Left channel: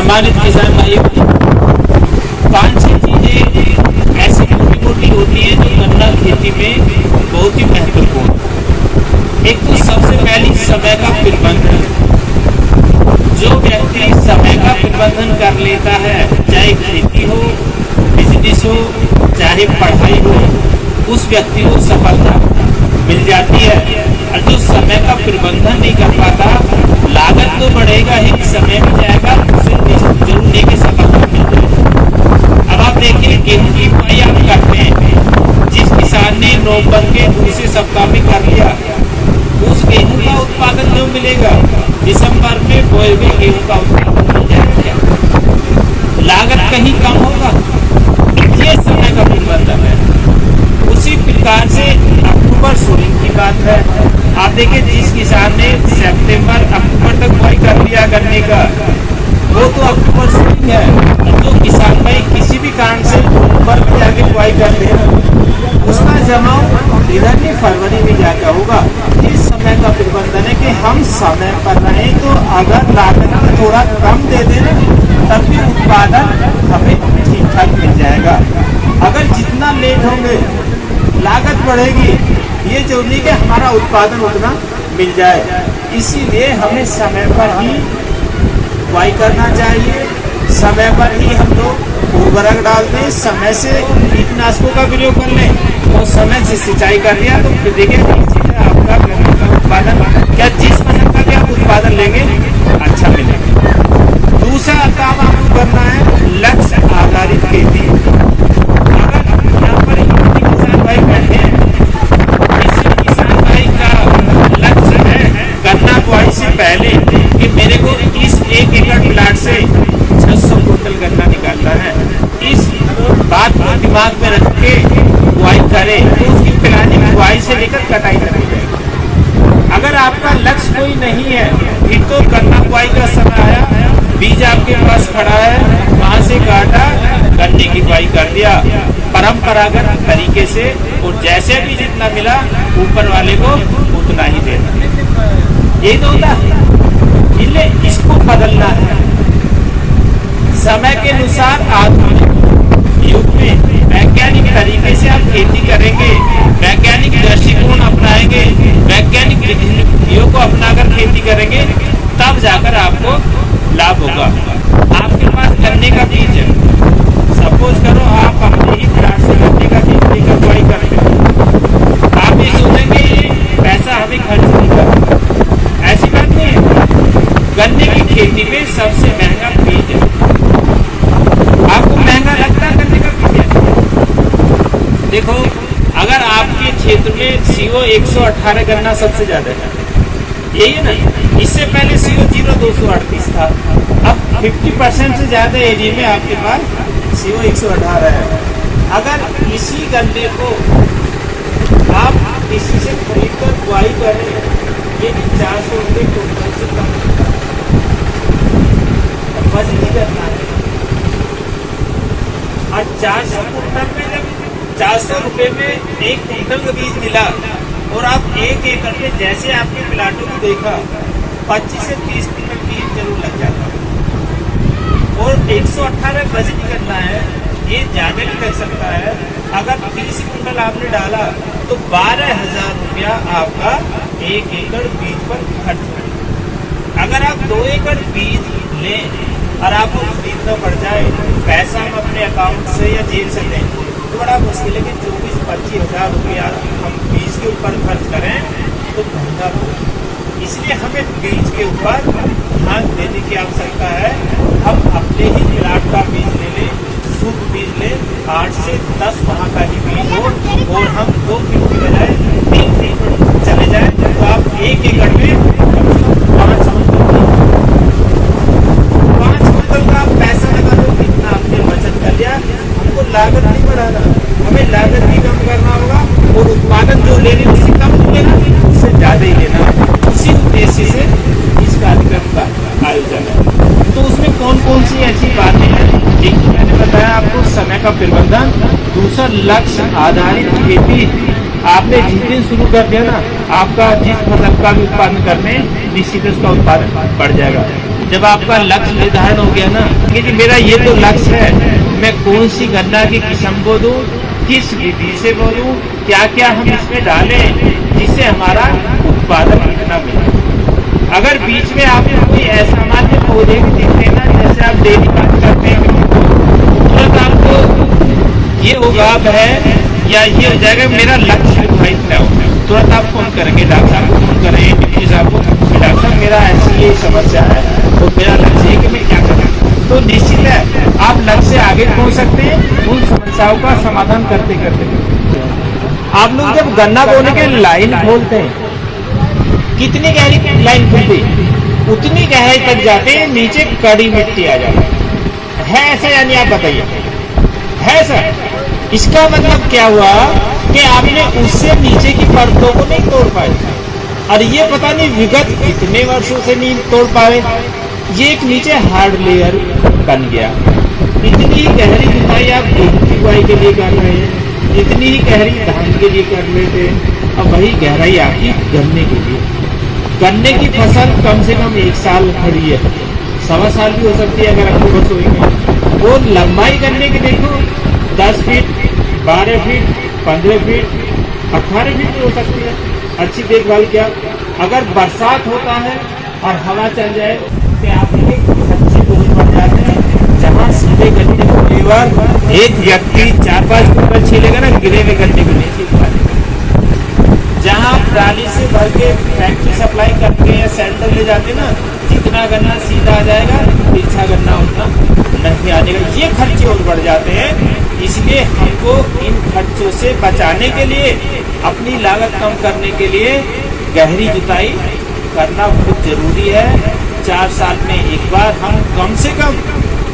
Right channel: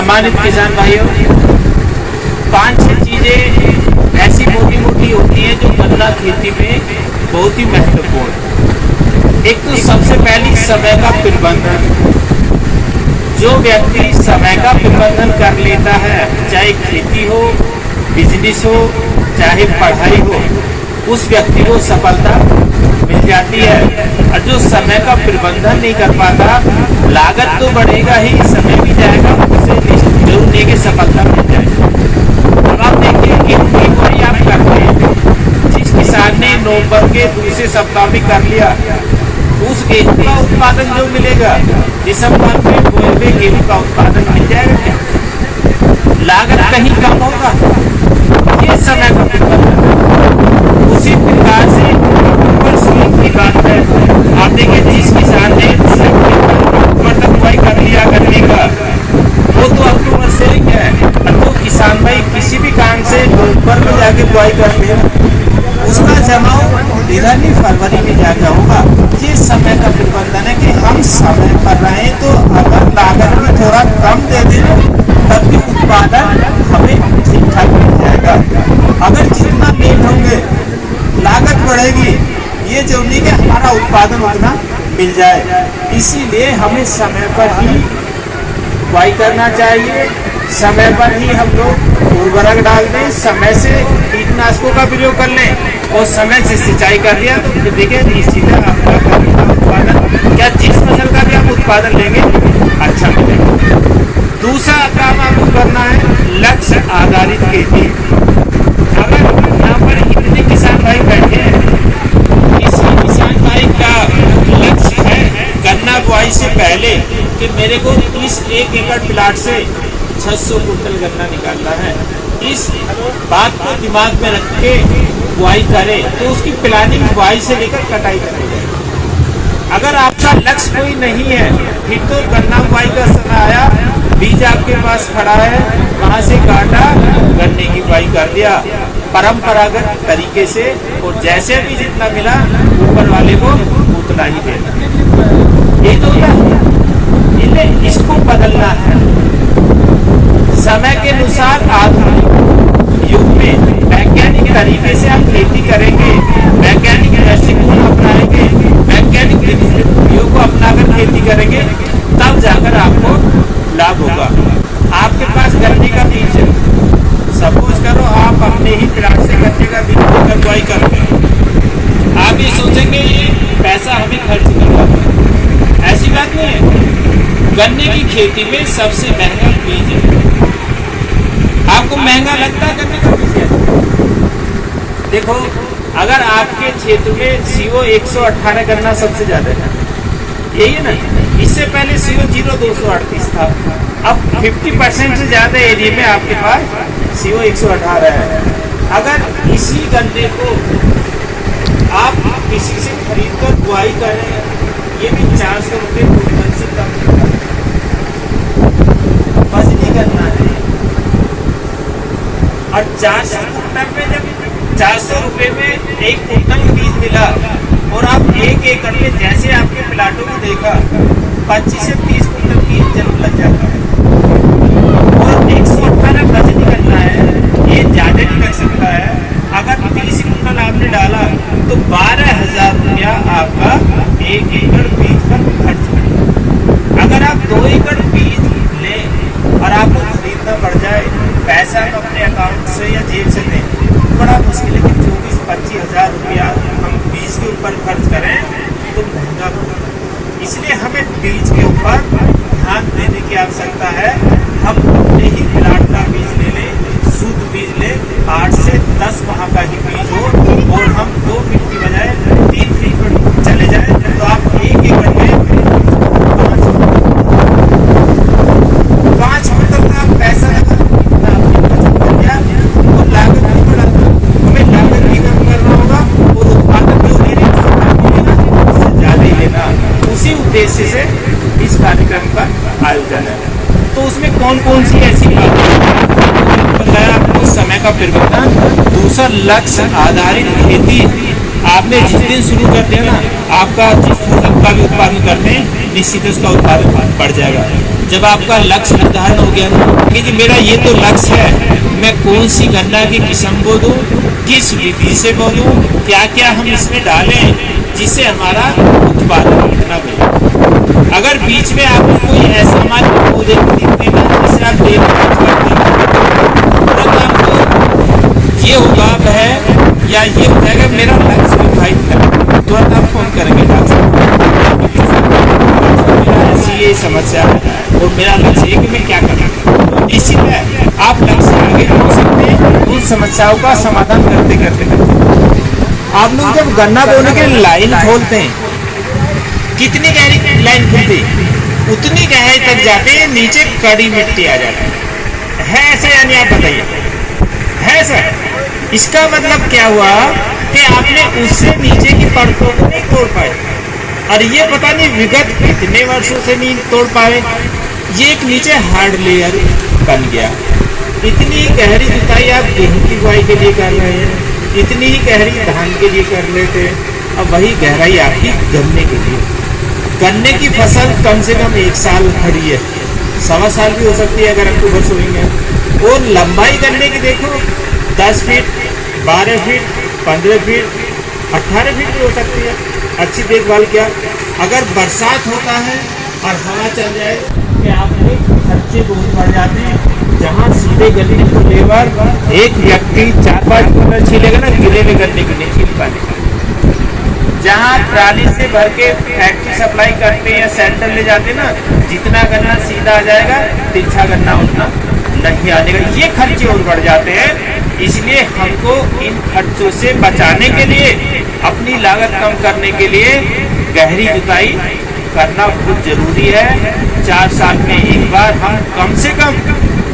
सम्मानित किसान भाइयों, 5-6 चीजें ऐसी मोटी मोटी होती हैं जो गन्ना खेती में बहुत ही महत्वपूर्ण। एक तो सबसे पहली समय का प्रबंधन। जो व्यक्ति समय का प्रबंधन कर लेता है, चाहे खेती हो, बिजनेस हो, चाहे पढ़ाई हो, उस व्यक्ति को सफलता मिल जाती है। और जो समय का प्रबंधन नहीं कर पाता, लागत तो बढ़ेगा ही, समय भी जाएगा, उसे जरूर लेके सफलता मिल जाएगी। अब आप देखिए, गेहूं की बुआई आप करते हैं, जिस किसान ने नवंबर के दूसरे सप्ताह में कर लिया, उस गेहूं का उत्पादन जो मिलेगा, दिसंबर में बोए हुए गेहूं का उत्पादन मिल जाएगा क्या? लागत कहीं कम होगा। ये समय का प्रबंधन है। उसी प्रकार से अक्टूबर सोइंग की बात है। आप देखिए, जिस किसान ने सितंबर अक्टूबर तक बुआई कर लिया गन्ने का, वो तो अक्टूबर सोइंग है। और जो किसान भाई किसी भी काम से नवंबर में जाके बुआई करते हैं, उसका जमाव इधर नहीं फरवरी में जाकर होगा। ये समय का प्रबंधन है कि हम समय पर रहें तो अगर लागत में थोड़ा कम दे दें तब भी उत्पादन हमें ठीक ठाक मिल जाएगा। अगर जितना लेट होंगे लागत बढ़ेगी, ये जरूरी कि हमारा उत्पादन उतना मिल जाए। इसीलिए हमें समय पर ही बुआई करना चाहिए, समय पर ही हम लोग उर्वरक डाल दें, समय से कीटनाशकों का प्रयोग कर लें और समय से सिंचाई कर लिया तो देखिए निश्चित है आपका गन्ने का उत्पादन, क्या जिस फसल का भी आप उत्पादन लेंगे अच्छा मिलेगा। दूसरा काम आपको करना है लक्ष्य आधारित खेती। अगर यहाँ पर इतने किसान भाई बैठे हैं, इस किसान भाई का लक्ष्य है गन्ना बुआई से पहले कि मेरे को इस 1 एकड़ प्लाट से 600 कुंटल गन्ना निकालना है, इस बात को दिमाग में रख के बुआई करे तो उसकी प्लानिंग बुआई से लेकर कटाई तक हो जाएगी। अगर आपका लक्ष्य कोई नहीं है, फिर तो गन्ना बुआई का समय आया, बीज आपके पास खड़ा है, वहां से काटा, गन्ने की बुआई कर दिया परंपरागत तरीके से, और जैसे भी जितना मिला ऊपर वाले को उतना ही देना। यही तो होता है। इसलिए इसको बदलना है। समय के अनुसार आधुनिक युग में वैज्ञानिक तरीके से आप खेती करेंगे, वैज्ञानिक दृष्टिकोण अपनाएंगे, वैज्ञानिक विधियों को अपनाकर खेती करेंगे, तब जाकर आपको लाभ होगा। आपके पास गन्ने का बीज है, सपोज करो आप अपने ही प्लाट से गन्ने का बीज लेकर बुआई करते हैं, आप ये सोचेंगे ये पैसा हमें खर्च नहीं करना। ऐसी बात नहीं है। गन्ने की खेती में सबसे महंगा बीज है। आपको महंगा लगता है गन्ने का बीज है? देखो, अगर आपके क्षेत्र में CO 118 गन्ना सबसे ज्यादा है, यही है ना। इससे पहले CO 0238 था। अब 50% से ज्यादा एरिया में आपके पास CO 118 है। अगर इसी गन्ने को आप किसी से खरीद कर बुआई करें, ये भी 400 रुपये कुंटल से कम मजदूरी करना है। और 400 कुंटल में जब 400 रुपये में 1 कुंटल का बीज मिला और आप 1 एकड़ में जैसे आपके प्लाटों को देखा 25 से 30 कुंटल बीज जरूर लग जाता है। और 118 मजदूरी करना है, ये ज्यादा नहीं लग सकता है। अगर 30 कुंटल आपने डाला तो 12,000 रुपया आपका 1 एकड़ बीज पर खर्च होगा। अगर आप 2 एकड़ बीज लें और आपको खरीदना पड़ जाए, पैसा हम अपने अकाउंट से या जेब से दें, बड़ा मुश्किल है कि 24-25 हजार रुपया हम बीज के ऊपर खर्च करें तो महंगा हो। इसलिए हमें बीज के ऊपर ध्यान देने की आवश्यकता है। हम अपने ही प्लाट का बीज ले लें, शुद्ध बीज लें, 8 से 10 माह का ही बीज हो, और हम 2 फीट की बजाय 3 फीट पर चले जाएं तो आप 1 एकड़ में 5 कुंटल का पैसा लगा दो, इतना आपने बचत कर लिया। हमको लागत नहीं बढ़ाना, हमें लागत भी कम करना होगा और उत्पादन जो ले रहे हैं उससे कम नहीं लेना, उससे ज्यादा ही लेना। उसी उद्देश्य से इस कार्यक्रम का आयोजन है। तो उसमें कौन कौन सी ऐसी बातें बताया आपको? समय का प्रबंधन, दूसरा लक्ष्य आधारित खेती। आपने जिस दिन शुरू कर दिया ना, आपका जिस फसल का भी उत्पादन करते हैं, निश्चित उसका उत्पादन बढ़ जाएगा। जब आपका लक्ष्य निर्धारण हो गया ना कि जी मेरा ये तो लक्ष्य है, मैं कौन सी गन्ना की किस्म बो दूं, किस विधि से बो दूं, क्या क्या हम इसमें डालें जिससे हमारा उत्पादन कितना मिले। अगर बीच में आपको कोई ऐसा मान पौधे दिखते ना जैसे आप देखभाल करते हैं, तुरंत आपको ये होगा है या ये हो जाएगा मेरा लक्ष्य निर्धारित है, तुरंत आप फोन करेंगे डॉक्टर मेरा ऐसी ये समस्या है और मेरा लक्ष्य है कि मैं क्या करूँ। तो निश्चित है आप लक्ष्य से आगे पहुँच सकते हैं उन समस्याओं का समाधान करते करते। आप लोग जब गन्ना बोने के लिए लाइन खोलते हैं, कितनी गहरी लाइन खुलती, उतनी गहराई तक जाते हैं, नीचे कड़ी मिट्टी आ जाती है ऐसा, यानी आप बताइए है सर। इसका मतलब क्या हुआ कि आपने उससे नीचे की परतों को नहीं तोड़ पाए, और ये पता नहीं विगत कितने वर्षों से नहीं तोड़ पाए, ये एक नीचे हार्ड लेयर बन गया। इतनी गहरी जुताई आप गेहूं की बुआई के लिए कर रहे हैं, इतनी ही गहरी धान के लिए कर लेते हैं, और वही गहराई आपकी गन्ने के लिए। गन्ने की फसल कम से कम 1 साल खड़ी है, 1.25 साल भी हो सकती है अगर आपको बस हुई है। और लंबाई गन्ने की देखो 10 फीट, 12 फीट, 15 फीट, 18 फीट भी हो सकती है। अच्छी देखभाल क्या, अगर बरसात होता है और हवा चल जाए कि आपके खर्चे बहुत बढ़ जाते हैं। जब सीधे गन्ने को लेवर एक व्यक्ति 4-5 क्विंटल छीलेगा ना, गिरे हुए गन्ने को नहीं छील पाएगा। जहाँ ट्राली से भर के फैक्ट्री सप्लाई करते हैं, सेंटर ले जाते हैं ना, जितना गन्ना सीधा आ जाएगा, तिरछा गन्ना उतना नहीं आ जाएगा। ये खर्चे और बढ़ जाते हैं। इसलिए हमको इन खर्चों से बचाने के लिए, अपनी लागत कम करने के लिए गहरी जुताई करना बहुत जरूरी है। 4 साल में एक बार हम कम से कम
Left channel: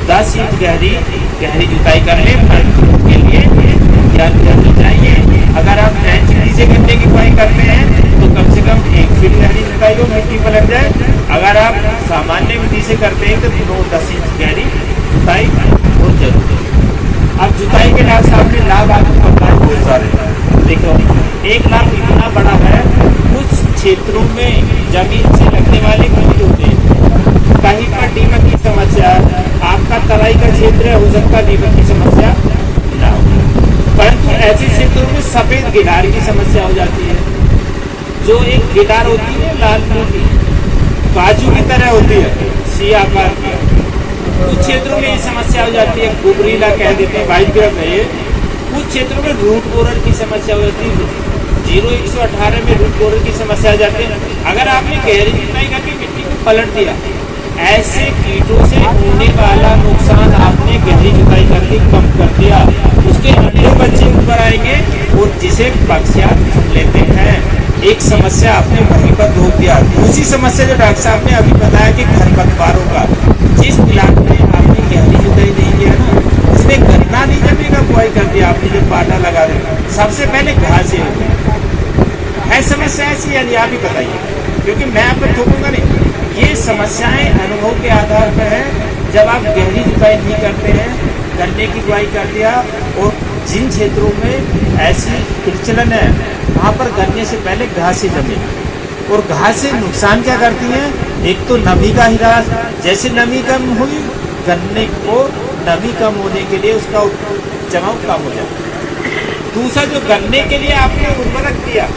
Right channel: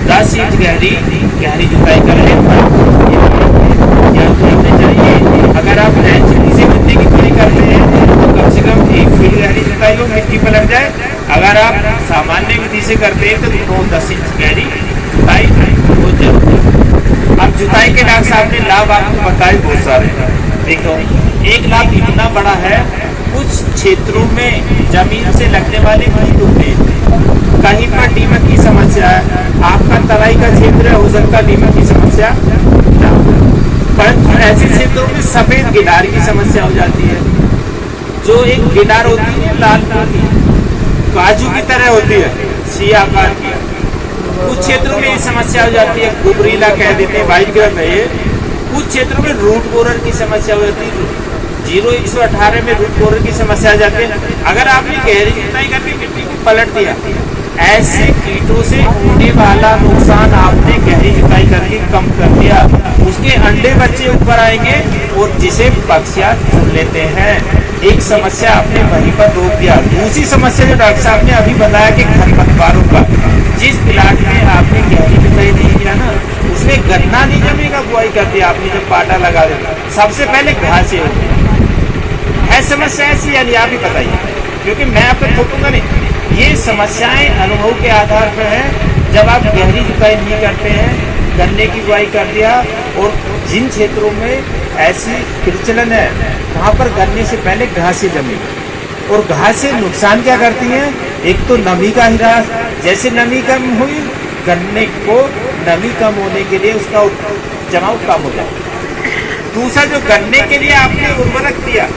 10 इंच गहरी जुताई कर लें। के लिए ध्यान रखना चाहिए। अगर आप नैचुरली से गन्ने की बुआई करते हैं तो कम से कम 1 फीट गहरी जुताई हो, मिट्टी पलट जाए। अगर आप सामान्य विधि से करते हैं तो 9-10 इंच गहरी जुताई बहुत जरूरी है। अब जुताई के डॉक्टर साहब ने लाभ आपको बताए बहुत सारे। देखो, एक लाभ इतना बड़ा है, कुछ क्षेत्रों में जमीन से लगने वाले कीट होते हैं, कहीं पर दीमक की समस्या है। आपका तराई का क्षेत्र है, हो सकता है दीमक की समस्या ना हो, परंतु ऐसे क्षेत्रों में सफेद गिडार की समस्या हो जाती है। जो एक गिडार होती है लाल की, काजू की तरह होती है, सी आकार की, कुछ क्षेत्रों में ये समस्या हो जाती है। गुबरीला कह देते हैं, वाइट ग्रह है ये। कुछ क्षेत्रों में रूट बोरर की समस्या हो जाती है, 0-118 में रूट बोरर की समस्या आ जाती है। अगर आपने गहरी जुताई करके मिट्टी को पलट दिया, ऐसे कीटों से होने वाला नुकसान आपने गहरी जुताई करके कम कर दिया। उसके अंडे बच्चे ऊपर आएंगे और जिसे पक्षियाँ चुन लेते हैं। एक समस्या आपने वहीं पर रोक दिया। दूसरी समस्या जो डॉक्टर साहब ने अभी बताया कि खरपतवारों का, जिस प्लाट में आपने गहरी जुताई नहीं किया ना, उसमें गन्ना नहीं जमेगा, बुआई कर दिया आपने, जब पाटा लगा दिया, सबसे पहले घासें है समस्या ऐसी, यानी आप ही बताइए, क्योंकि मैं आपको थोपूंगा नहीं। ये समस्याएं अनुभव के आधार पर है। जब आप गहरी जुताई नहीं करते हैं, गन्ने की बुआई कर दिया, और जिन क्षेत्रों में ऐसी प्रचलन है वहां पर गन्ने से पहले घासें जमी, और घासें नुकसान क्या करती हैं, एक तो नमी का ह्रास, जैसे नमी कम हुई गन्ने को नमी कम होने के लिए उसका जमाव कम हो जाता। दूसरा, जो गन्ने के लिए आपने उर्वरक दिया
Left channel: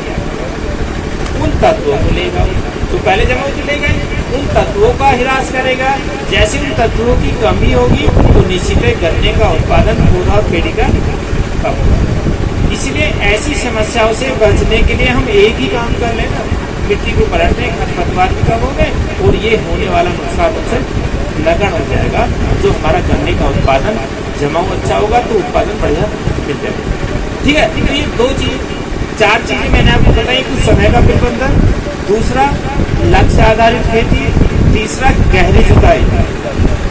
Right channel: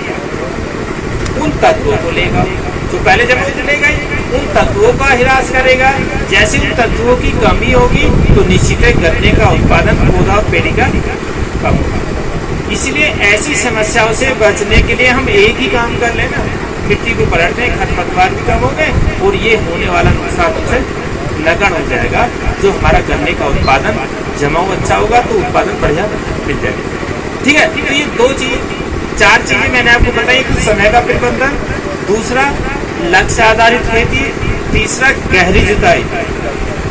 उन तत्वों को लेगा, तो पहले जमा लेगा, उन तत्वों का ह्रास करेगा। जैसे उन तत्वों की कमी होगी तो निश्चित है गन्ने का उत्पादन, पौधा और पेड़ी का कम होगा। इसलिए ऐसी समस्याओं से बचने के लिए हम एक ही काम कर लेना, मिट्टी को पलटने, खरपतवार भी कम हो गए और ये होने वाला नुकसान उनसे नगण्य हो जाएगा। जो हमारा गन्ने का उत्पादन जमाव अच्छा होगा तो उत्पादन बढ़िया मिल जाएगा। ठीक है, तो ये 4 चीजें मैंने आपको बताई। कुछ समय का प्रबंधन, दूसरा लक्ष्य आधारित खेती, तीसरा गहरी जुताई,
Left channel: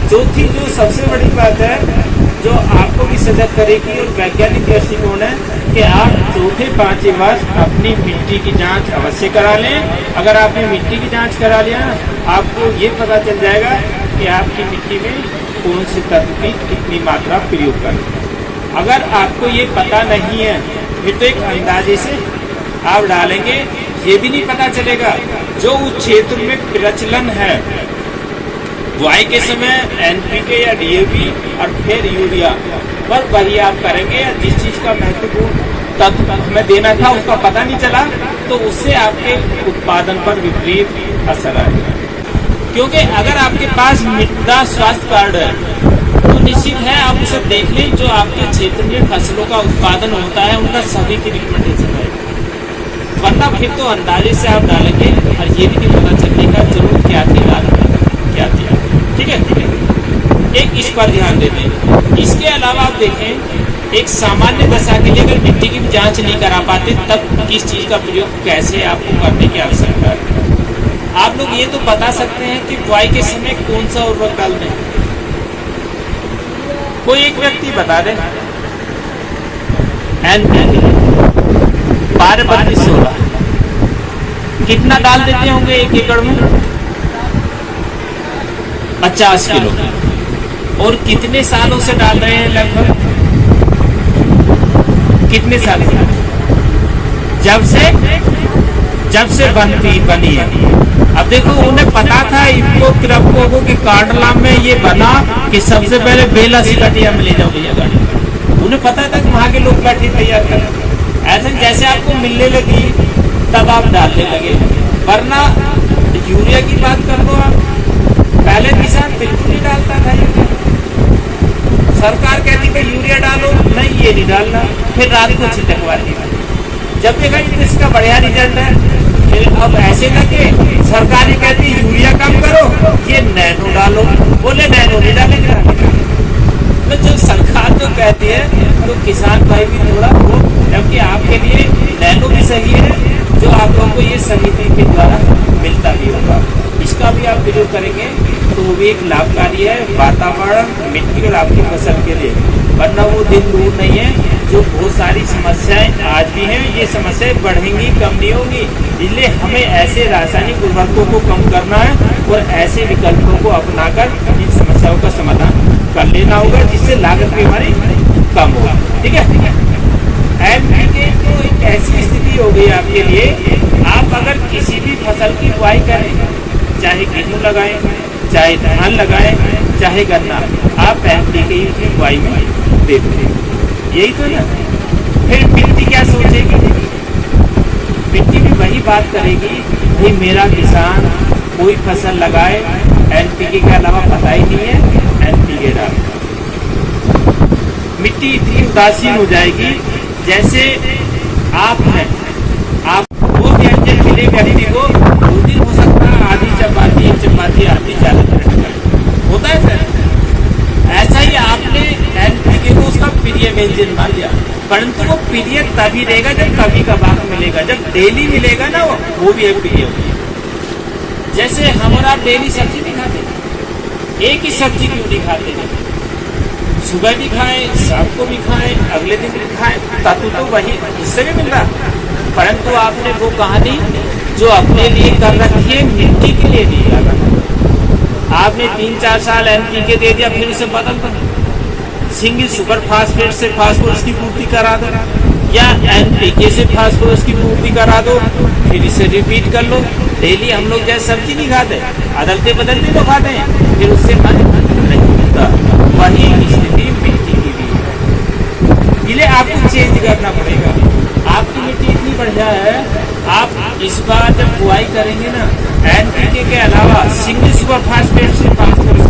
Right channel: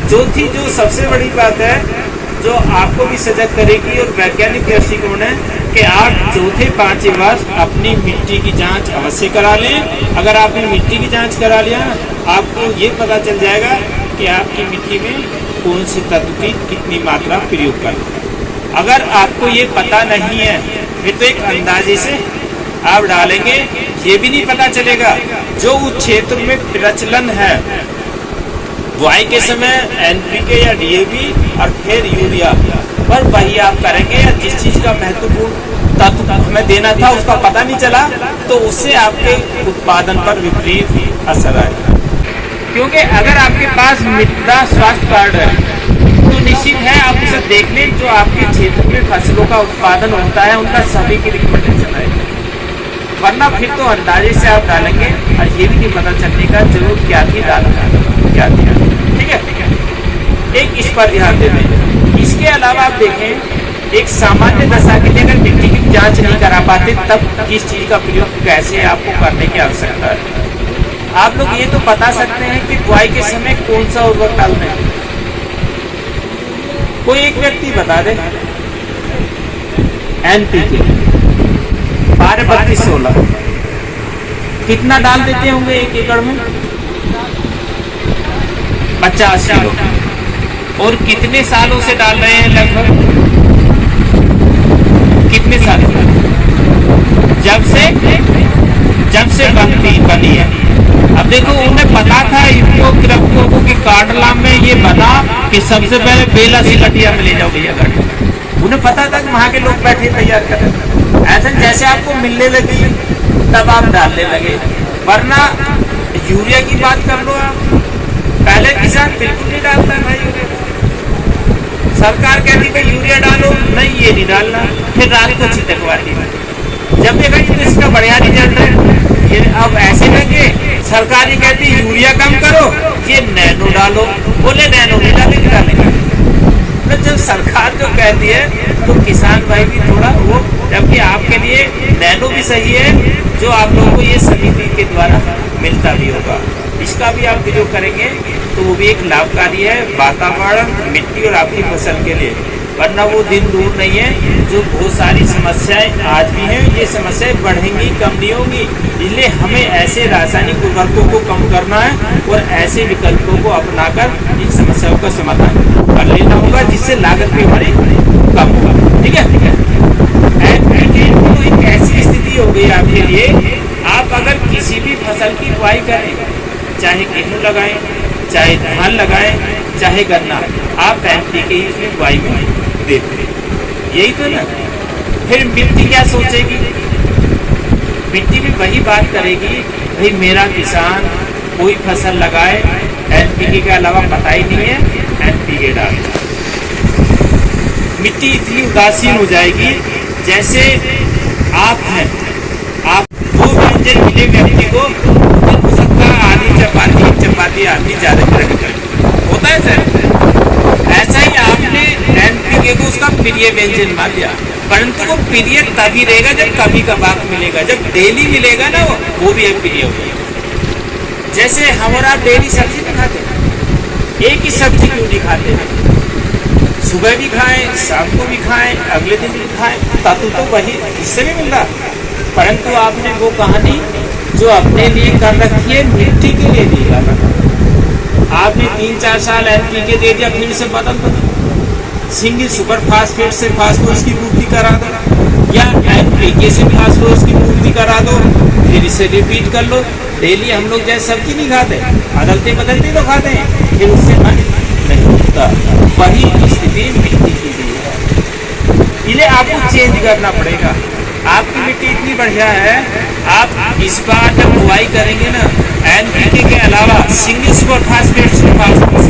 चौथी जो सबसे बड़ी बात है जो आपको भी सजग करेगी और वैज्ञानिक दृष्टिकोण है कि आप चौथे 5वें वर्ष अपनी मिट्टी की जांच अवश्य करा लें। अगर आपने मिट्टी की जांच करा लिया, आपको ये पता चल जाएगा कि आपकी मिट्टी में कौन से तत्व की कितनी मात्रा प्रयोग करें। अगर आपको ये पता नहीं है फिर तो एक अंदाजे से आप डालेंगे, ये भी नहीं पता चलेगा। जो उस क्षेत्र में प्रचलन है बुआई के समय एनपीके या डीएपी और फिर यूरिया और वही आप करेंगे, या जिस चीज का महत्वपूर्ण तत्व हमें देना था उसका पता नहीं चला तो उससे आपके उत्पादन पर विपरीत असर आएगा। क्योंकि अगर आपके पास मृदा स्वास्थ्य कार्ड है तो निश्चित है आप उसे देख लें, जो आपके क्षेत्र में फसलों का उत्पादन होता है उनका सभी की रिकमेंडेशन है, वरना फिर तो अंदाजे से आप डालेंगे और ये भी नहीं पता चलने का जरूर क्या थी डालना क्या दिया। ठीक है, एक इस पर ध्यान दे दें। इसके अलावा आप देखें, एक सामान्य दशा के लिए अगर मिट्टी की जांच नहीं करा पाते तब किस चीज का प्रयोग कैसे आपको करने की आवश्यकता है। आप लोग ये तो बता सकते हैं कि बुआई के समय कौन सा उर्वरक डालना है, कोई एक व्यक्ति बता दे। एनपीके 12-32-16 कितना डाल देते होंगे एक एकड़ में? 50 किलो। और कितने सालों से डाल रहे हैं? लगभग कितने साल से? जब से बनी है। अब देखो, उन्हें पता था इसको कृषकों को कि कांडला में ये बना कि सबसे पहले बेला सिकटिया में ले जाओ भैया गाड़ी। उन्हें पता था कि वहां के लोग बैठे तैयार कर, ऐसे जैसे आपको मिलने लगी तब आप डालने लगे, वरना यूरिया की बात कर लो आप, पहले किसान बिल्कुल नहीं डालता है भाई यूरिया। सरकार कहती भाई यूरिया डालो, नहीं ये नहीं डालना, फिर रात को छिटकवाती है। जब देखा तो इसका बढ़िया रिजल्ट है, फिर अब ऐसे लगे सरकार ही कहती यूरिया कम करो, ये नैनो डालो, बोले नैनो नहीं डालेंगे। जब सरकार जो कहती है तो किसान भाई भी थोड़ा वो, जबकि आपके लिए नैनो भी सही है, जो आप लोगों को ये समिति के द्वारा मिलता भी होगा, इसका भी आप प्रयोग करेंगे तो वो भी एक लाभकारी है वातावरण, मिट्टी और आपकी फसल के लिए। वरना वो दिन दूर नहीं है जो बहुत सारी समस्याएं आज भी हैं, ये समस्याएं बढ़ेंगी, कम नहीं होंगी। इसलिए हमें ऐसे रासायनिक उर्वरकों को कम करना है और ऐसे विकल्पों को अपनाकर इन समस्याओं का समाधान कर लेना होगा, जिससे लागत भी हमारी कम होगा। ठीक है, एनपीके तो एक ऐसी स्थिति हो गई आपके लिए, आप अगर किसी भी फसल की बुआई करें, चाहे गेहूं लगाएं, चाहे धान लगाएं, चाहे गन्ना, आप एनपीके ही उसमें बुआई में देते हैं, यही तो ना। फिर मिट्टी क्या सोचेगी? मिट्टी भी वही बात करेगी, भाई मेरा किसान कोई फसल लगाए, एनपीके के अलावा पता ही नहीं है, एनपीके डालता। मिट्टी इतनी उदासीन हो जाएगी जैसे आप हैं, आप दो व्यंजन मिले व्यक्ति को, हो सकता है आधी चपाती एक चपाती आधी ज्यादा होता है सर। ऐसा ही आपने एनपीके को उसका प्रिय व्यंजन मान लिया, परंतु वो प्रिय तभी रहेगा जब कभी कभार मिलेगा, जब डेली मिलेगा ना वो भी एक प्रिय होगा। जैसे हम और आप डेली सब्जी नहीं खाते, एक ही सब्जी क्यों नहीं खाते हैं? सुबह भी खाएं, शाम को भी खाएं, अगले दिन भी खाएं, तत्व तो वही इससे भी मिल रहा, परंतु आपने वो कहानी जो अपने लिए कर रखी है मिट्टी के लिए दी, आपने 3-4 साल एनपीके दे दिया, फिर इसे बदल दो, सिंगल सुपर फास्फेट से फास्फोरस की पूर्ति करा दो, या एनपीके से फास्फोरस की पूर्ति करा दो, फिर इसे रिपीट कर लो। डेली हम लोग जैसे सब्जी नहीं खाते, बदलते बदलते तो खाते हैं, फिर उससे पानी नहीं होता। वही स्थिति मिट्टी की भी है, इसलिए आपको चेंज करना पड़ेगा। आपकी मिट्टी इतनी बढ़िया है, आप इस बार जब बुआई करेंगे ना, एनपीके के अलावा सिंगल सुपर फास्फेट से फास्फोरस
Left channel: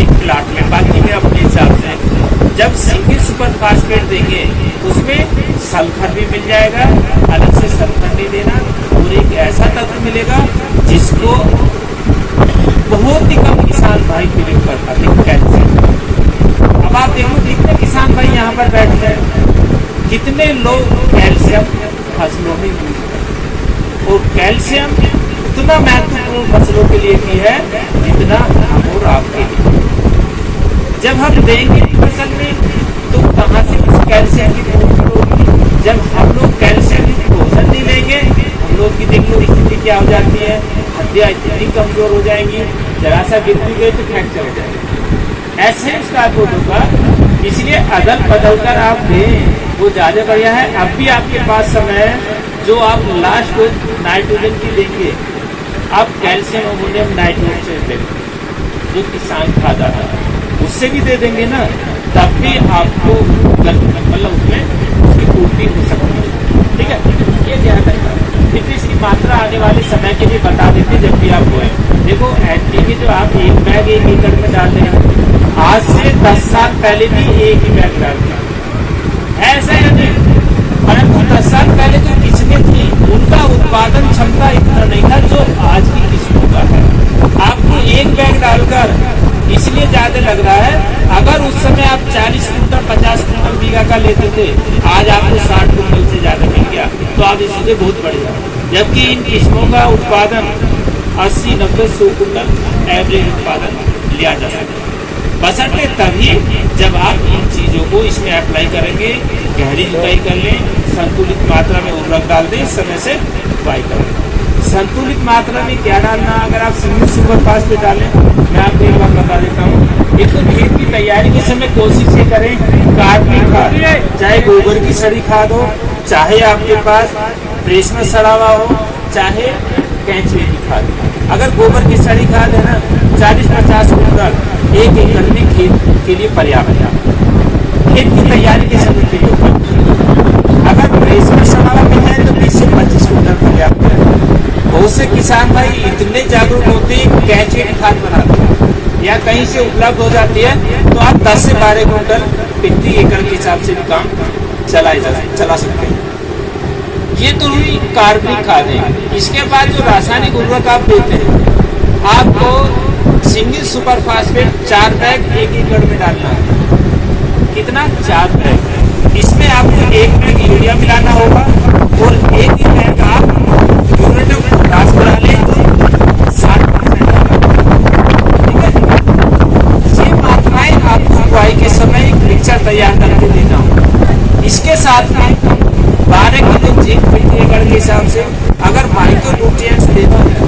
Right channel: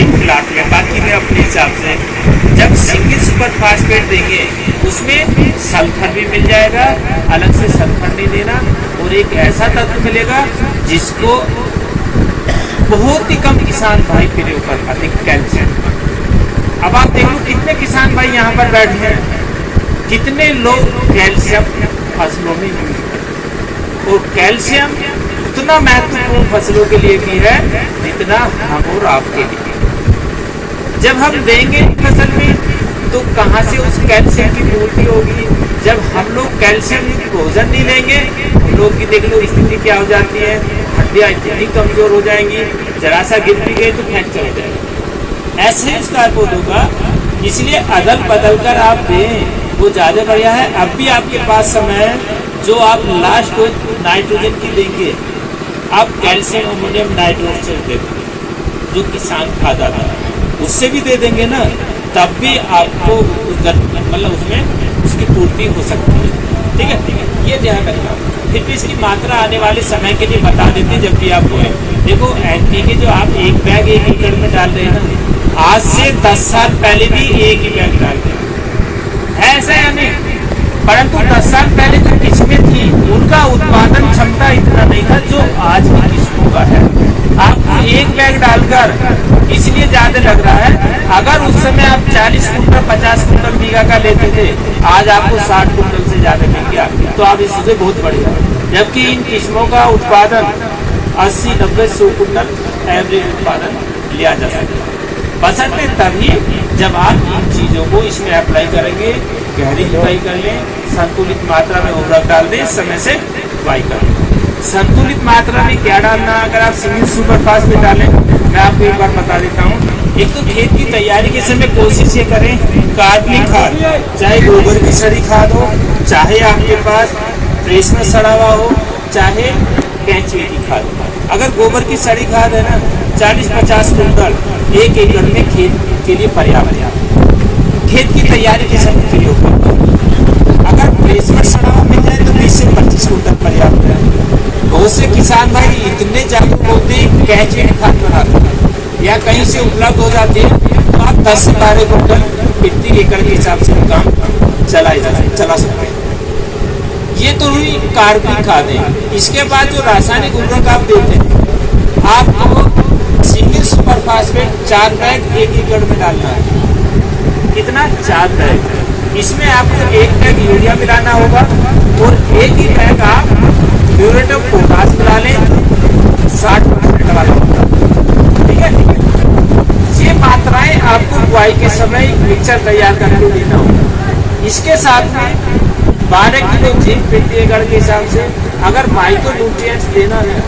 एक प्लाट में, बाकी में अपने हिसाब से जब सिंगल सुपर फास्फेट देंगे उसमें सल्फर भी मिल जाएगा, अलग से सल्फर नहीं देना, और एक ऐसा तत्व मिलेगा जिसको बहुत ही कम किसान भाई प्रयोग कर पाते, कैल्शियम। अब आप देख लो कितने किसान भाई यहाँ पर बैठे हैं, कितने लोग कैल्शियम फसलों में यूज करते, और कैल्शियम उतना महत्वपूर्ण फसलों के लिए भी है जितना हम और आपके लिए। जब हम देंगे फसल में तो कहाँ से उस कैल्शियम की पूर्ति होगी? जब हम लोग कैल्शियम भोजन नहीं लेंगे, हम लोग की देख लो स्थिति क्या हो जाती है, हड्डियां इतनी कमजोर हो जाएंगी, जरा सा गिर भी गई तो फ्रैक्चर हो जाएगा। ऐसे ही उसका पौधों का, इसलिए अदल बदल कर आप दें वो ज्यादा बढ़िया है। अब भी आपके पास समय है, जो आप लास्ट नाइट्रोजन की देंगे, आप कैल्शियम अमोनियम नाइट्रोजन देंगे, जो किसान खाद आता है उससे भी दे देंगे ना, तब भी आपको मतलब उसमें उसकी पूर्ति हो सकती है। ठीक है, ये ध्यान रखना। फिर भी इसकी मात्रा आने वाले समय के लिए बता देते जब भी आप बोए। देखो एनपीके जो आप 1 बैग 1 एकड़ में डाल रहे हैं ना, आज से 10 साल पहले भी 1 ही बैग डालते हैं, ऐसा है नहीं। परंतु 10 साल पहले जो किस्में थी उनका उत्पादन क्षमता इतना नहीं था जो आज की किस्मों का है। आपको 1 बैग डालकर इसलिए ज्यादा लग रहा है, अगर उस समय आप 40 कुंटल 50 कुंटल बीघा का लेते थे, आज आपको 60 कुंटल से ज्यादा मिल गया, तो आप इससे बहुत बढ़िया। जबकि इन किस्मों का उत्पादन 80 90 100 कुंटल एवरेज उत्पादन लिया जा सकता है, बशर्ते तभी जब आप इन चीजों को इसमें अप्लाई करेंगे, गहरी जुताई कर लें, संतुलित मात्रा में उर्वरक डाल दें, समय से बुआई कर लें। संतुलित मात्रा में क्या डालना, अगर आप सिंगल सुपर फास्फेट डालें, मैं आपको एक बार बता देता हूँ। एक तो खेत की तैयारी के समय कोशिश ये करें कार्बनिक खाद, चाहे गोबर की सड़ी खाद हो, चाहे आपके पास प्रेस में सड़ा हुआ हो, चाहे केंचुए की खाद। अगर गोबर की सड़ी खाद है ना, 40-50 कुंटल 1 एकड़ में खेत के लिए पर्याप्त है, खेत की तैयारी के समय प्रयोग करते हैं। अगर प्रेस में सड़ा हुआ मिल जाए तो 20 से 25 कुंटल पर्याप्त है। बहुत से किसान भाई इतने जागरूक होते हैं, केंचुए की खाद बनाते हैं या कहीं से उपलब्ध हो जाती है, तो आप 10 से 12 कुंटल प्रति एकड़ के हिसाब से भी काम चला सकते हैं। ये तो हुई कार्बनिक खादें। इसके बाद जो रासायनिक उर्वरक आप देते हैं, आपको सिंगल सुपर फास्फेट 4 बैग 1 एकड़ में डालना है। कितना? 4 बैग। इसमें आपको 1 बैग यूरिया मिलाना होगा और 1 ही बैग आप म्यूरेट ऑफ पोटाश मिला लें, 60%। ठीक है, ये मात्राएं आपको बुआई के समय एक मिक्सचर तैयार करके देना होगा। इसके साथ में 12 किलो जिंक प्रति एकड़ के हिसाब से अगर माइक्रो न्यूट्रिएंट्स देना है,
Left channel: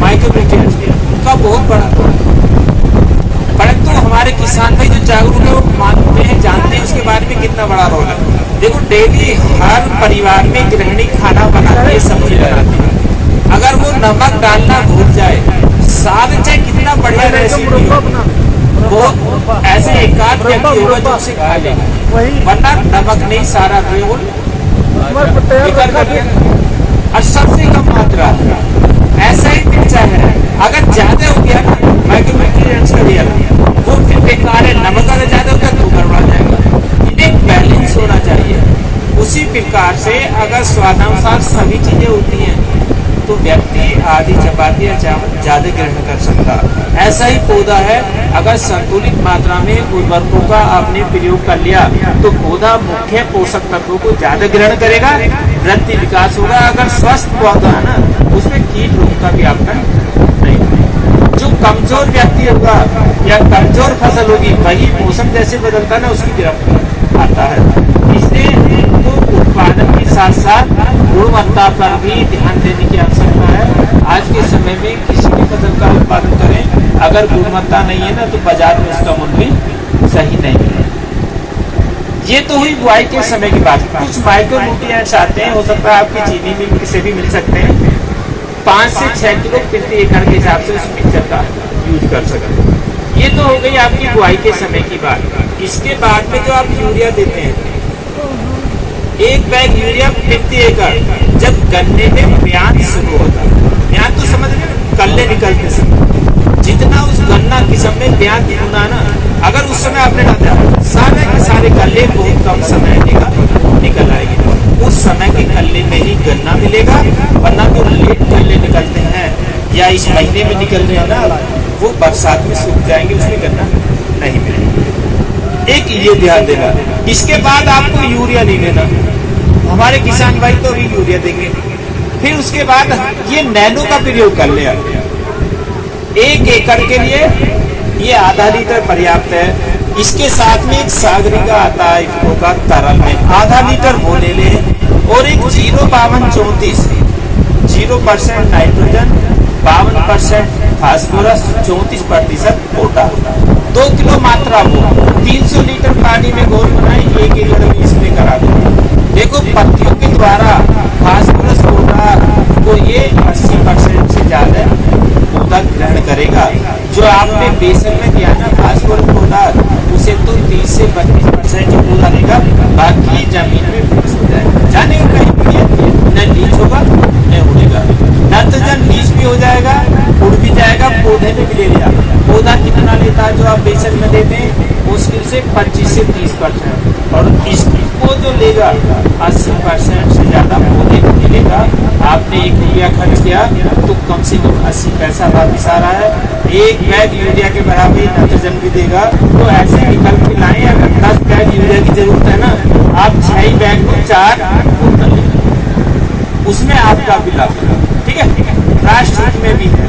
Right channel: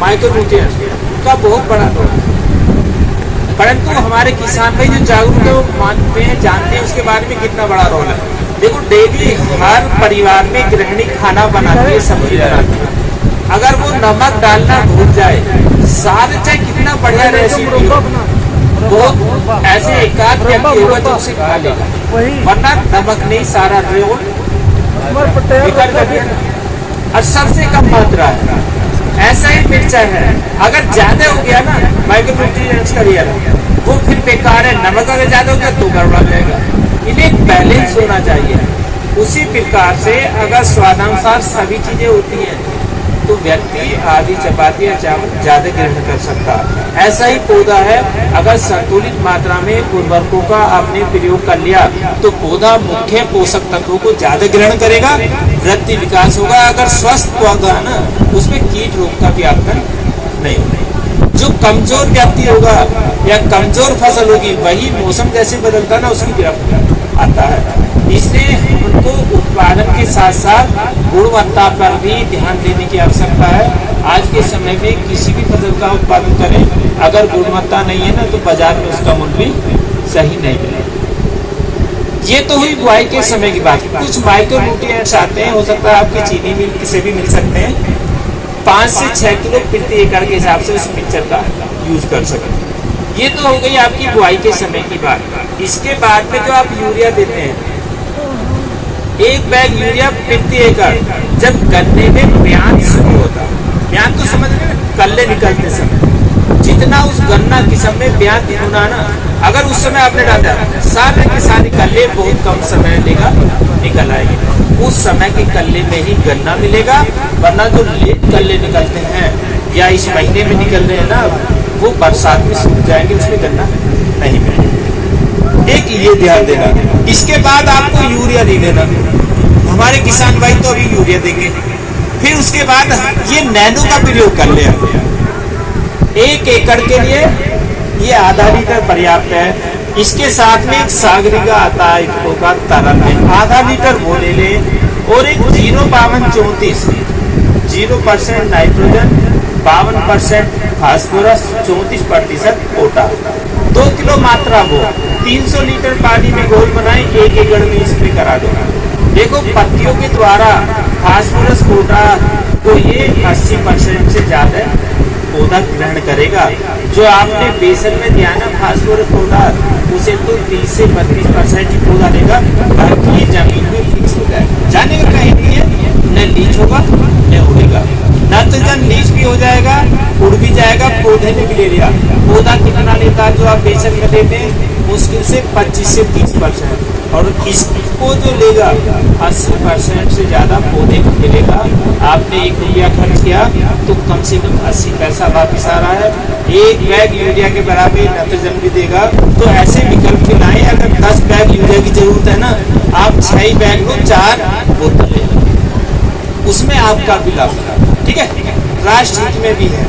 माइक्रो न्यूट्रिएंट्स का बहुत बड़ा रोल है। परंतु हमारे किसान भाई जो जागरूक है वो मानते हैं, जानते हैं उसके बारे में कितना बड़ा रोल है। देखो डेली हर परिवार में गृहिणी खाना बनाती है, सब्जी बनाती है, अगर वो नमक डालना भूल जाए, सारे चाहे कितना बढ़िया रेसिपी हो, वो ऐसे एकाध व्यक्ति होगा जो उसे खा लेगा, वरना नमक नहीं सारा रोल बेकार कर दिया। और सबसे कम मात्रा है, ऐसा ही मिर्चा है, अगर ज्यादा हो गया ना माइक्रोन्यूट्रिएंट्स का रियल, वो फिर बेकार है। नमक अगर ज्यादा होगा तो गड़बड़ा जाएगा। इन्हें एक बैलेंस होना चाहिए। उसी प्रकार से अगर स्वादानुसार सभी चीजें होती हैं तो व्यक्ति आधी चपाती या चावल ज्यादा ग्रहण कर सकता है। ऐसा ही पौधा है, अगर संतुलित मात्रा में उर्वरकों का आपने प्रयोग कर लिया तो पौधा मुख्य पोषक तत्वों को ज्यादा ग्रहण करेगा, वृद्धि विकास होगा। अगर स्वस्थ पौधा है ना, उसमें कीट रोग का व्यापन नहीं होगा। जो कमजोर व्यक्ति होगा या कमजोर फसल होगी, वही मौसम जैसे बदलता ना उसकी गिरफ्त आता है। इसलिए हमको उत्पादन के साथ साथ गुणवत्ता पर भी ध्यान देने की आवश्यकता है। आज के समय में किसी भी फसल का उत्पादन करें, अगर गुणवत्ता नहीं है ना तो बाजार में उसका मूल्य भी सही नहीं मिलेगा। ये तो हुई बुआई के समय की बात। कुछ माइक्रो न्यूट्रिएंट्स आते हैं, हो सकता है आपकी चीनी मिल से भी मिल सकते हैं। 5 से 6 किलो प्रति एकड़ के हिसाब से उस मिक्सचर का यूज कर सकते हैं। ये तो हो गई आपकी बुआई के समय की बात। इसके बाद में जो आप यूरिया देते हैं, 1 बैग यूरिया प्रति एकड़ जब गन्ने में ब्यान शुरू होता है, ब्यान तो समझ रहे हैं, कल्ले निकलते समय जितना उस गन्ना किस्म में ब्यान होना ना, अगर उस समय आपने डाला सारे के सारे कल्ले बहुत कम समय लेगा निकल आएगी। उस समय के कल्ले में ही गन्ना मिलेगा, वरना जो लेट कल्ले निकलते हैं या इस महीने में निकल रहे हैं ना, वो बरसात में सूख जाएंगे, उसमें गन्ना नहीं मिलेगा। एक ये ध्यान देना। इसके बाद आपको यूरिया नहीं देना। हमारे किसान भाई तो अभी यूरिया देंगे, फिर उसके बाद ये नैनो का प्रयोग कर ले। 1 एकड़ के लिए ये आधा लीटर पर्याप्त है। इसके साथ में एक सागरिका आता है, एक का तरल में आधा लीटर वो ले ले, और एक 05234 0% नाइट्रोजन, 52% फास्फोरस, 34% पोटाश, 2 किलो मात्रा वो 300 लीटर पानी में घोल बनाए 1 एकड़ में स्प्रे करा दो। देखो पत्तियों के द्वारा फास्फोरस पोटाश को ये 80% से ज्यादा पौधा ग्रहण करेगा। जो आपने बेसन में दिया ना फास्फोरस पदार्थ, उसे तो 30 से 32% ही पौधा लेगा, बाकी ये जमीन में फिक्स हो जाएगा, जाने का कहीं नहीं है, न लीच होगा न उड़ेगा। नाइट्रोजन लीच भी हो जाएगा, उड़ भी जाएगा, पौधे ने भी ले लिया। पौधा कितना लेता है जो आप बेसन में देते हैं? मुश्किल से 25 से 30%, और इसको जो लेगा 80% से ज्यादा पौधे को मिलेगा। आपने 1 रुपया खर्च किया तो कम से कम 80 पैसा वापिस आ रहा है। 1 बैग यूरिया के बराबर नाइट्रोजन भी देगा। तो ऐसे विकल्प के लाए, अगर 10 बैग यूरिया की जरूरत है ना, आप 6 बैग लो, 4 बोतल लेगा, उसमें आपका भी लाभ है। ठीक है, राष्ट्र हित में भी है,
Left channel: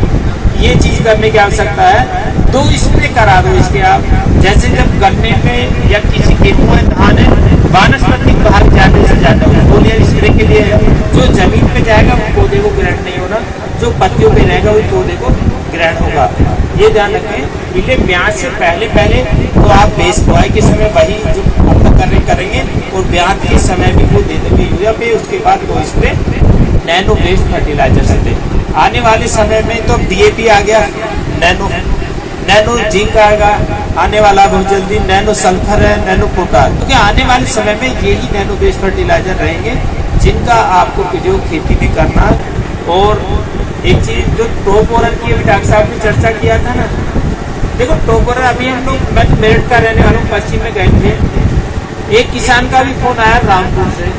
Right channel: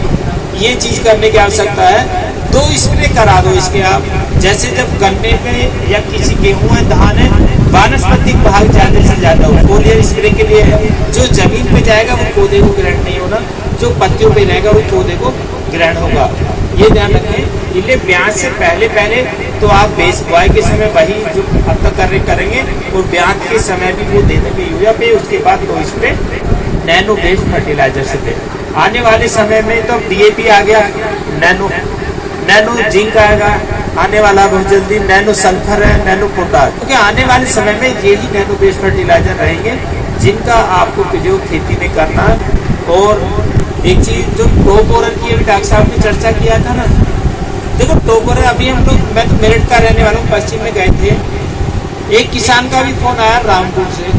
ये चीज करने की आवश्यकता है। 2 स्प्रे करा दो इसके आप, जैसे जब गन्ने में या किसी गेहूं है, धान है, वानस्पतिक भाग ज्यादा से ज्यादा हो, फोलियर स्प्रे के लिए है। जो जमीन पे जाएगा वो पौधे को ग्रहण नहीं होना, जो पत्तियों पे रहेगा वो पौधे को ग्रहण होगा, ये ध्यान रखें। इसलिए ब्याज से पहले तो आप बेस बुआई के समय वही जो अब तक करेंगे, और ब्याज के समय भी वो दे देंगे यूरिया पे। उसके बाद 2 स्प्रे नैनो बेस्ड फर्टिलाइजर से दे। आने वाले समय में तो DAP आ गया, नैनो जिंक आएगा आने वाला बहुत जल्दी, नैनो सल्फर है, नैनो पोटाश, क्योंकि आने वाले समय में यही नैनो बेस्ड फर्टिलाइजर रहेंगे जिनका आपको प्रयोग खेती में करना। और एक चीज जो टॉप ओवर की अभी डॉक्टर साहब ने चर्चा किया था ना, देखो टॉप ओवर अभी हम लोग, मैं तो मेरठ का रहने वाला हूँ, पश्चिम में गए थे, एक किसान का भी फोन आया रामपुर से,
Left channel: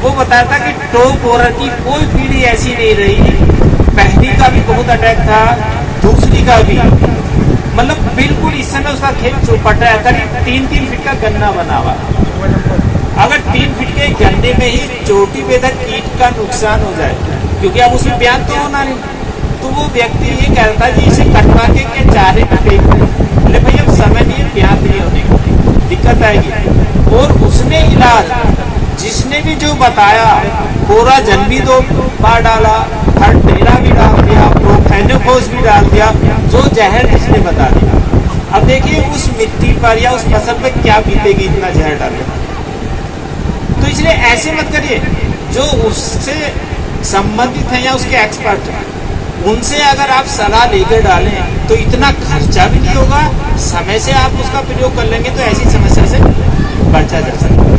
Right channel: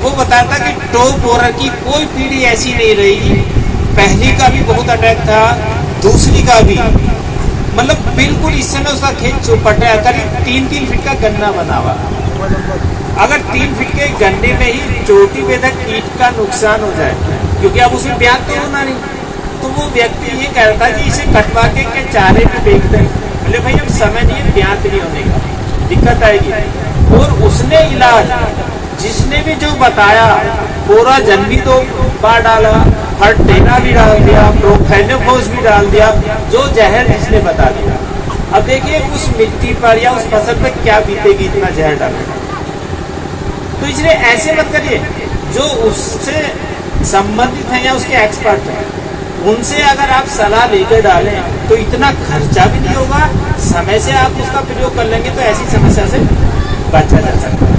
वो बताया था कि टॉप ओवर की कोई पीढ़ी ऐसी नहीं रही, पहली का भी बहुत अटैक था, दूसरी का भी, मतलब बिल्कुल इस समय उसका खेत चौपटा है, करीब 3-3 फीट का गन्ना बना हुआ। अगर 3 फीट के गन्ने में ही चोटी पे तक कीट का नुकसान हो जाए, क्योंकि अब उसमें ब्याज तो होना नहीं, तो वो व्यक्ति ये कहता है कि इसे कटवा के क्या चारे में बेच दें। बोले भाई अब समय नहीं है, ब्याज नहीं होने का, दिक्कत आएगी। और उसने इलाज जिसने भी जो बताया, पूरा जन भी 2 बार डाला, फर्टेला भी डाल दिया, प्रोफेनोफोस भी डाल दिया, जो जहर जिसने बता दिया। अब देखिए उस मिट्टी पर या उस फसल पर क्या बीतेगी इतना जहर डालने। तो इसलिए ऐसे मत करिए, जो उससे संबंधित है या उसके एक्सपर्ट हैं, उनसे अगर आप सलाह लेकर डालें तो इतना खर्चा भी नहीं होगा, समय से आप उसका प्रयोग कर लेंगे तो ऐसी समस्या से बचा जा सकता है।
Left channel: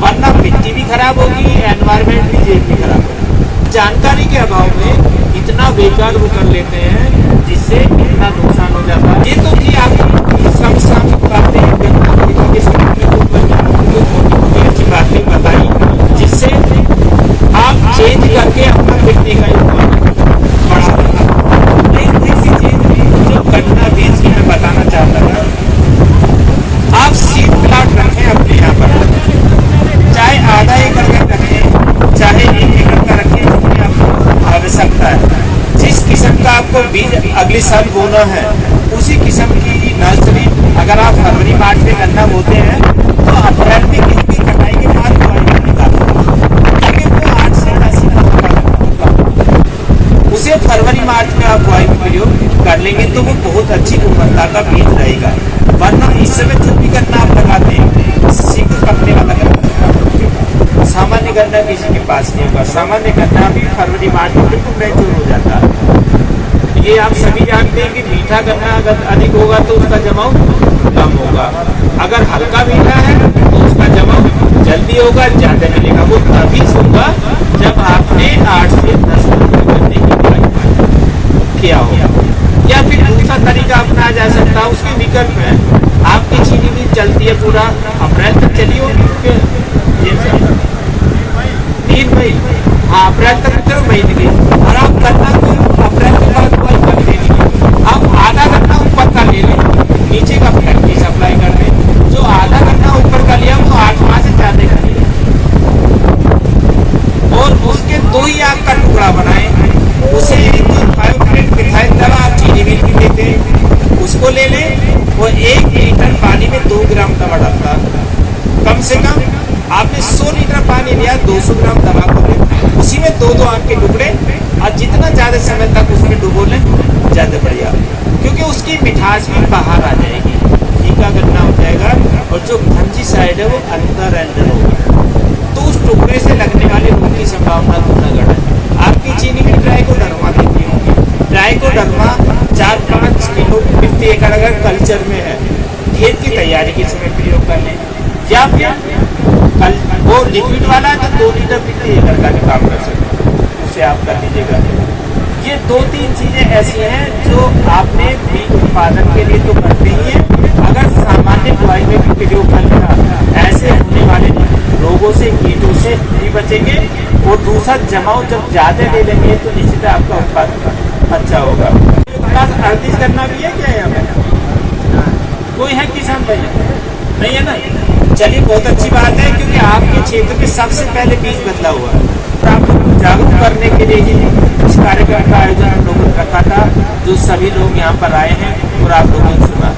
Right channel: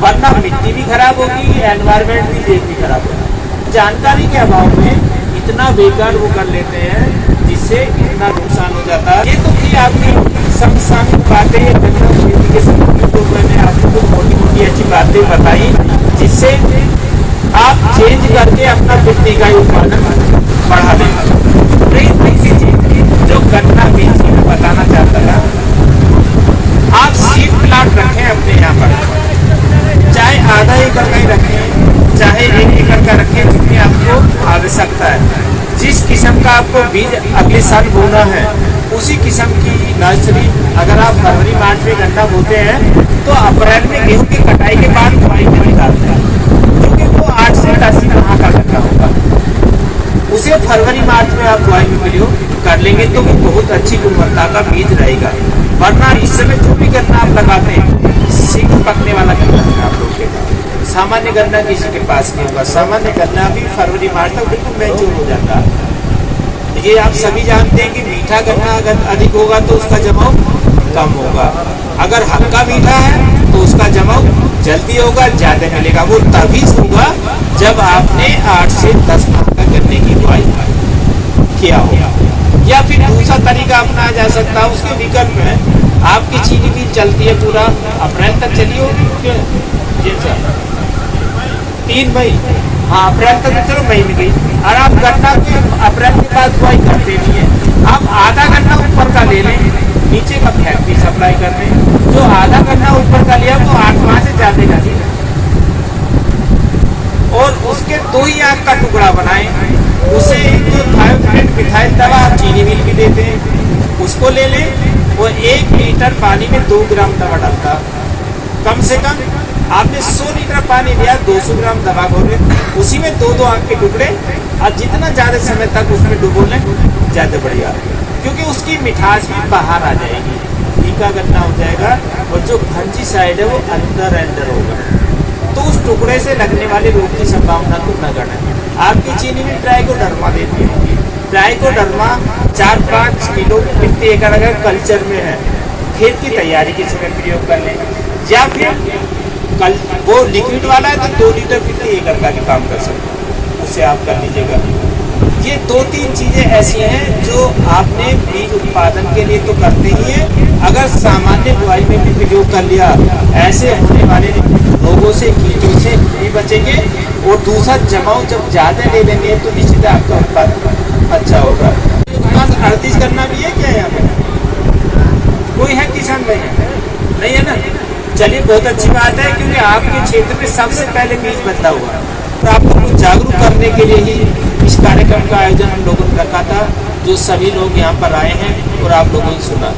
वरना मिट्टी भी खराब होगी, एनवायरमेंट भी, जेब भी खराब होगी। जानकारी के अभाव में इतना बेकार वो कर लेते हैं जिससे इतना नुकसान हो जाता है। ये तो कि आपकी समसामयिक बातें गन्ना खरीदने के समय में तो मैंने आपको मोटी अच्छी बातें बताई, जिससे आप चेंज करके अपना मिट्टी का उत्पादन बढ़ा देंगे। नहीं, तीसरी चीज जो गन्ना बीज मैं बताना चाहता था, आप सीड प्लांट रखें अपने यहाँ पर, चाहे आधा एकड़ का ही रखें, चाहे 1 एकड़ का रखें, जितनी आपको आवश्यकता है। जिस किस्म का आपको बीज अगले साल बोना है, उसी किस्म की नर्सरी अगर आप फरवरी मार्च में गन्ना बोते हैं तो अप्रैल में गेहूं की कटाई के बाद बुआई में निकाल दें, क्योंकि वो 8 से 10 माह का गन्ना होगा। उसे फरवरी मार्च में आप बुआई में प्रयोग कर लेंगे तो वो बहुत अच्छी गुणवत्ता का बीज रहेगा। वरना इस समय जो भी गन्ना आप लगाते हैं शीघ्र पकने वाला गन्ना है आप लोग के पास, सामान्य गन्ना किसी के पास नहीं होगा। सामान्य गन्ना भी फरवरी मार्च में बिल्कुल मैच्योर हो जाता है। ये आप सभी जानते हैं कि मीठा गन्ना अगर अधिक होगा तो उसका जमाव कम होगा, अगर हल्का मीठा है तो उसका जमाव जल्दी होगा, ज्यादा मिलेगा। वो तभी होगा जब आपने 8 से 10 माह का गन्ने की बुआई किया होगा। या फिर दूसरा तरीका अपनाया जा सकता है, उसके विकल्प है, आपकी चीनी भी चलती है पूरा अप्रैल तक चलिए, ये 3 मई, हाँ अप्रैल तक चलो मई में गई, और आप गन्ना को अप्रैल के बाद बुआई कर देनी है। आप आधा गन्ना ऊपर का ले लें, नीचे का फैक्ट्री सप्लाई कर दें। जो आधा गन्ना ऊपर का लिया वो 8 माह से ज्यादा जाएगा, और उसके 2 ही आग का टुकड़ा बनाएं। उसे जो थायोक्रेट मिथाइल दवा आप चीनी मिल भी देते हैं, उसको ले लें। वो 1 लीटर पानी में 2 ग्राम दवा डालता है। कम से कम आपने 100 लीटर पानी लिया, 200 ग्राम दवा घोले, उसी में 2-2 आग के टुकड़े, और जितना ज्यादा समय तक उसमें डुबो लें ज्यादा बढ़िया, क्योंकि उसकी मिठास भी बाहर आ जाएगी, फीका गन्ना हो जाएगा, और जो फंजी साइड है वो अंदर होगा, तो उस टुकड़े से लगने वाले रोग की संभावना तो नगण्य है। आपकी चीनी भी ड्राई को डरमा देती होगी। ट्राइकोडर्मा 4-5 किलो प्रति एकड़ अगर कल्चर में है, खेत की तैयारी के समय प्रयोग कर लें, या फिर वो लिक्विड वाला है तो 2 लीटर प्रति एकड़ का भी काम कर सकता है, उसे आप कर लीजिएगा। ये 2-3 चीजें ऐसी हैं जो आपने बीज उत्पादन के लिए तो करते ही है, अगर सामान्य बुआई में भी प्रयोग कर लिया, ऐसे होने वाले रोगों से, कीटों से भी बचेंगे। और दूसरा, जमाव जब ज्यादा ले लेंगे तो निश्चित आपका उत्पादन अच्छा होगा। पास अर्थिश करना भी है क्या यहाँ पे? कोई है किसान भाई? नहीं है ना? चलिए, बहुत अच्छी बात है, क्योंकि आपके क्षेत्र में सबसे पहले बीज बदला हुआ और आप लोग को जागरूक करने के लिए ही इस कार्यक्रम का आयोजन हम लोगों ने रखा था, जो सभी लोग यहाँ पर आए हैं और आप लोगों ने सुना।